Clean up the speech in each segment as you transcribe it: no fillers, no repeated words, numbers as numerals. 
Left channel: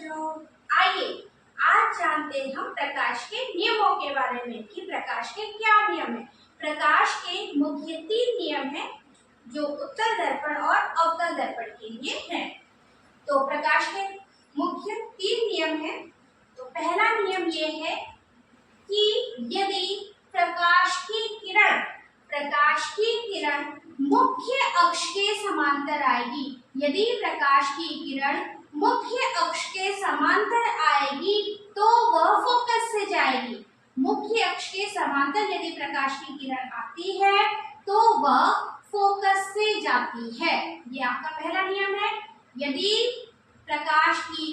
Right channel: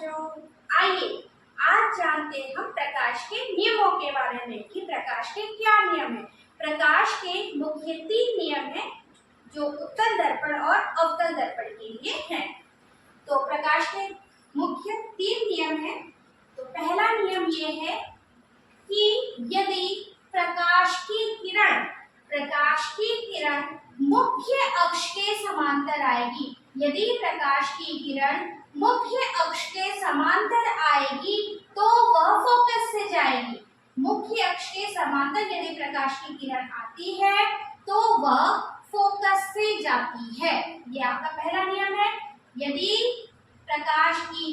बच्चों, आइए आज जानते हैं हम प्रकाश के नियमों के बारे में कि प्रकाश के क्या नियम है। प्रकाश के मुख्य 3 नियम हैं जो उत्तल दर्पण और अवतल दर्पण के लिए हैं। तो प्रकाश के मुख्य 3 नियम हैं। तो पहला नियम ये है कि यदि प्रकाश की किरण मुख्य अक्ष के समांतर आएगी, यदि प्रकाश की किरण मुख्य अक्ष के समांतर आएगी तो वह फोकस से जाएगी। मुख्य अक्ष के समांतर यदि प्रकाश की किरण आती है तो वह फोकस से जाती है। ये आपका पहला नियम है। यदि प्रकाश की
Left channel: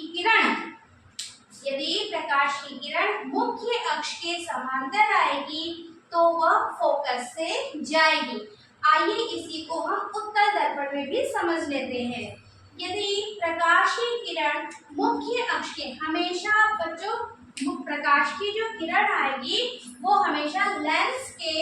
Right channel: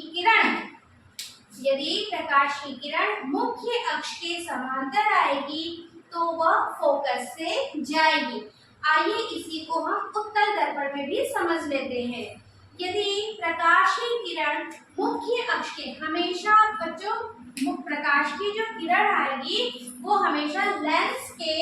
किरण मुख्य अक्ष के समांतर आएगी तो वह फोकस से जाएगी। आइए इसी को हम उत्तल दर्पण में भी समझ लेते हैं। यदि प्रकाश की किरण मुख्य अक्ष के, हमेशा बच्चों प्रकाश की जो किरण आएगी वो हमेशा लेंस के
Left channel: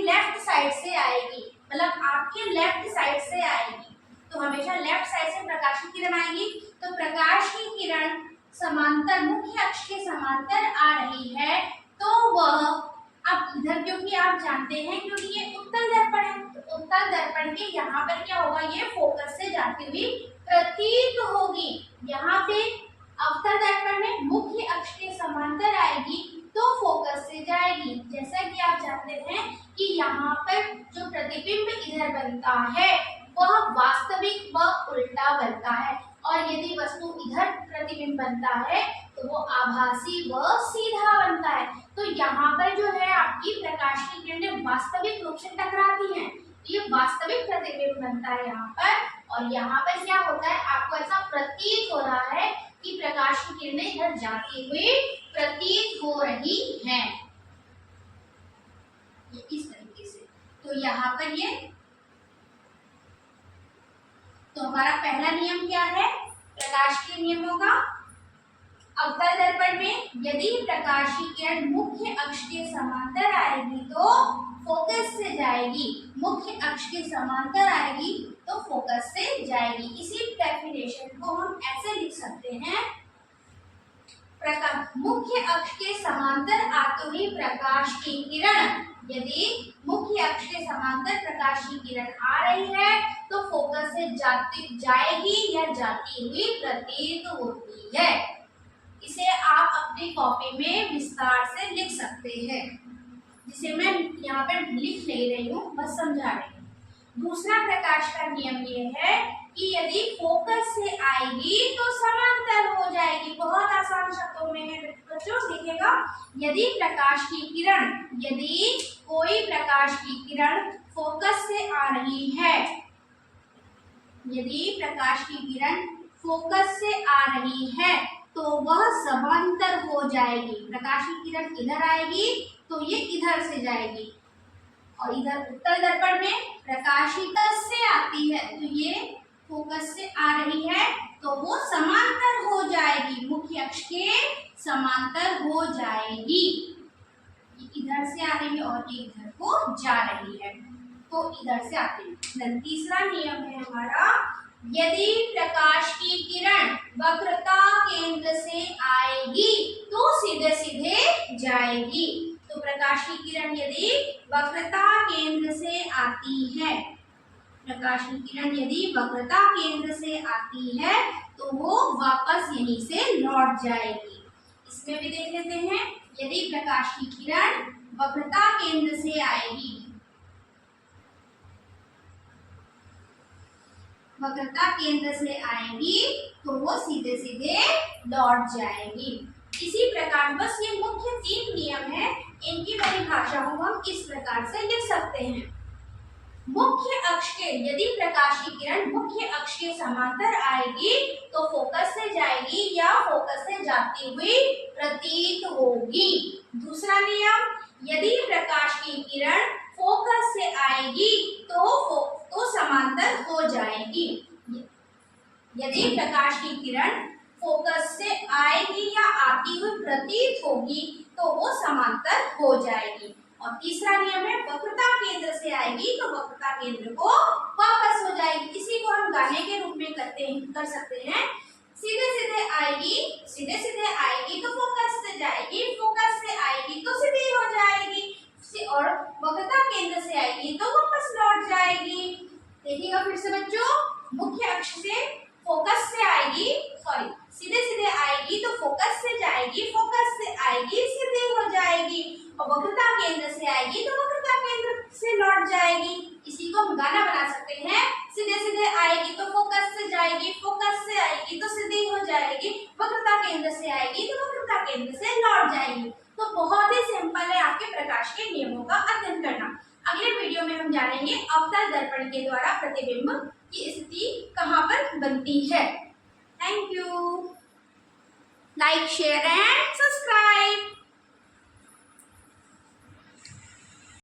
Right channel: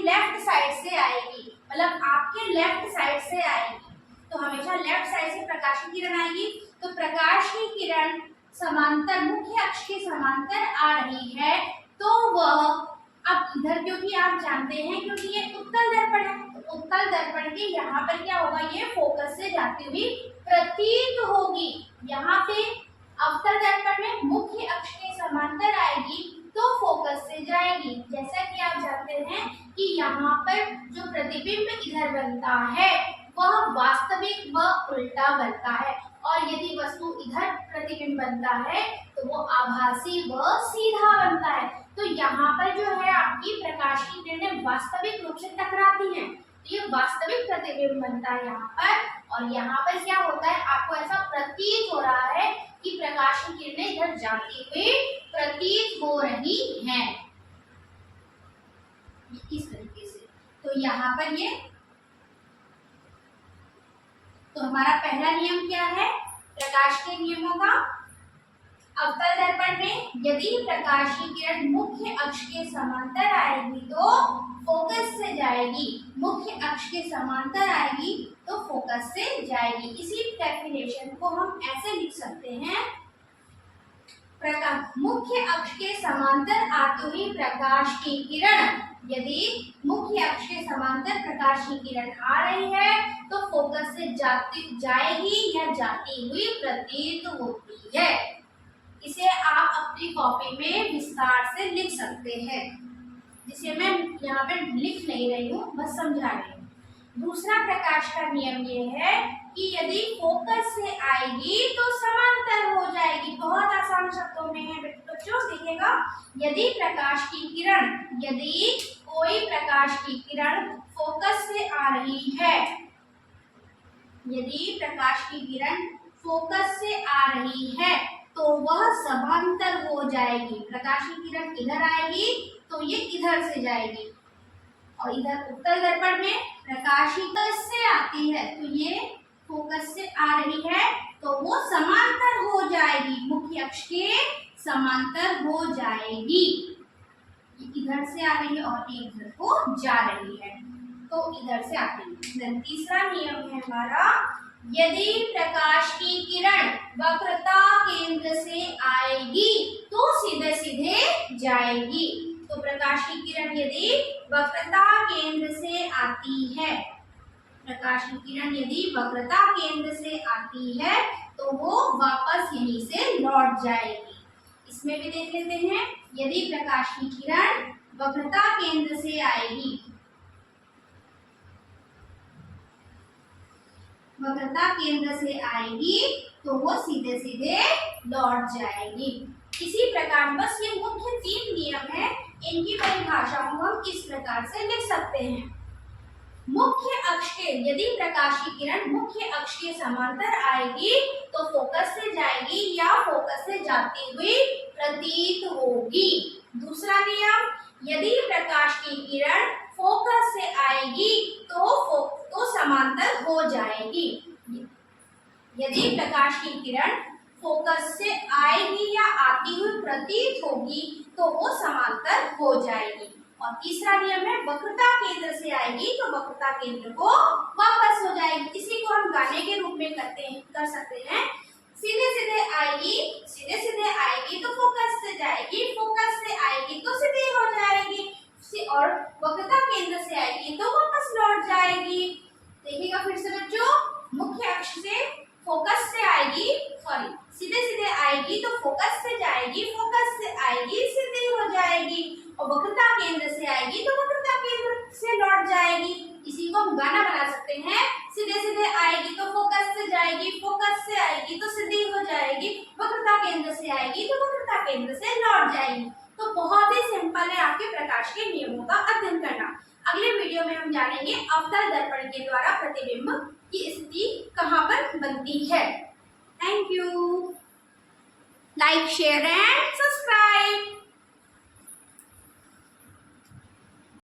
लेफ्ट साइड से आएगी, मतलब आपके लेफ्ट साइड से आएगी। तो हमेशा लेफ्ट साइड से प्रकाश की किरण आएगी। तो प्रकाश की किरण समांतर मुख्य अक्ष के समांतर आ रही है तो वह अब इधर, क्योंकि आप जानते हैं क्योंकि ये उत्तल दर्पण है, तो उत्तल दर्पण के यहाँ पर क्या होगा, ये फोकस से जाती हुई प्रतीत होगी। यहाँ पे अवतल दर्पण में मुख्य अक्ष के समांतर आएगी तो फोकस से जाएगी। जैसा कि आप जानते हैं कि यहाँ पर जो प्रतिबिंब इधर बनता है वह वास्तविक व उल्टा बनता है, और यदि वस्तु इधर प्रतिबिंब बनता है तो वो आभासी व सीधा बनता है। तो यहाँ पर जो है आपकी प्रकाश की किरणें वास्तविक रूप से टकराती हैं, तो ये वास्तविक प्रतिबिंब बनता है यहाँ पर। और यहाँ पर क्या होता है, आपको ऐसा प्रतीत हो रहा है कि प्रकाश की किरणें इधर जाती हुई प्रतीत हो रही हैं, इस तरीके से। तो यहाँ पर ये, तो हमारा पहला नियम क्या है प्रकाश के नियमों का, अवतल दर्पण में यदि प्रकाश की किरण मुख्य अक्ष के समांतर आएगी तो फोकस से जाएगी, मुख्य अक्ष के समांतर आएगी तो फोकस से जाएगी। इसी डेफिनेशन को हम ऐसे लिख सकते हैं, मुख्य अक्ष के समांतर आते हुए प्रकाश की किरण, यदि मुख्य अक्ष के समांतर प्रकाश की किरण आ रही है तो फोकस से जाएगी या जाती हुई प्रतीत होती है। इसे आप अपनी कॉपी में विस्तार से लिख सकते हैं, जिसे मैं यहाँ पे लिख नहीं रही हूँ, बस समझा रही हूँ। दूसरा प्रकाश का नियम ये है कि यदि फोकस से आएगी तो समांतर हो जाएगी। बहुत आसान शब्दों में है बच्चों, देखिएगा, यदि कोई प्रकाश की किरण फोकस से आ रही है, यदि प्रकाश की किरण फोकस से आ रही है तो वह समांतर हो जाएगी। प्रकाश की किरण इधर आएगी तो ये इधर से जाएगी, और इधर उत्तल दर्पण में प्रकाश फोकस से आती है तो ये फोकस से आ रही है तो वो समांतर हो जाएगी, मुख्य अक्ष के समांतर हो जाएगी। ये इधर से आ रही है और ये इधर को जा रही है, तो इधर से आती है। तीसरा नियम है हमारा, यदि प्रकाश की किरण वक्रता केंद्र से आएगी तो सीधे सीधे जाएगी। तो प्रकाश की किरण यदि वक्रता केंद्र से आती है, प्रकाश की किरण यदि वक्रता केंद्र से आती है तो वो वापस यहीं से लौट जाएगी। इसमें भी देख लेते हैं, यदि प्रकाश की किरण वक्रता केंद्र से आएगी, वक्रता केंद्र से आएगी तो वो सीधे सीधे लौट जाएगी। इसी प्रकार बस ये मुख्य 3 नियम है, इनकी परिभाषा को हम इस प्रकार से लिख सकते हैं। मुख्य अक्ष के, यदि प्रकाश की किरण मुख्य अक्ष के समांतर आएगी तो फोकस से जाएगी या फोकस से जाती हुई प्रतीत होगी। दूसरा नियम, यदि प्रकाश की किरण फोकस से आएगी तो समांतर हो जाएगी। यदि प्रकाश की किरण फोकस से आएगी या आती हुई प्रतीत होगी तो वो समांतर हो जाएगी। और तीसरा नियम है, वक्रता केंद्र से आएगी तो वक्रता केंद्र को वापस हो जाएगी। इसी को हम बढ़ाने के रूप में कर सकते हैं। सीधे सीधे आएगी तो फोकस से जाएगी, फोकस से आएगी तो सीधी हो जाएगी, और वक्रता केंद्र से आएगी तो वापस लौट जाएगी। देखिएगा फिर से बच्चों, मुख्य अक्ष से फोकस से आएगी, सॉरी सीधे सीधे आएगी तो फोकस से जाएगी, फोकस से आएगी सीधी हो जाएगी, और वक्रता केंद्र से आएगी तो वक्रता केंद्र से लौट जाएगी। इसी को हम गाना बना सकते हैं, सीधे सीधे आएगी तो फोकस से जाएगी, फोकस से आएगी तो सीधी हो जाएगी, वक्रता केंद्र से आएगी तो वक्रता केंद्र से लौट जाएगी। तो बहुत ही सिंपल है आपके प्रकाश के नियमों का अध्ययन करना। अगले वीडियो में हम जानेंगे अवतल दर्पण के द्वारा प्रतिबिंब की स्थिति कहाँ पर बनती है। Thank you. Like, share and subscribe.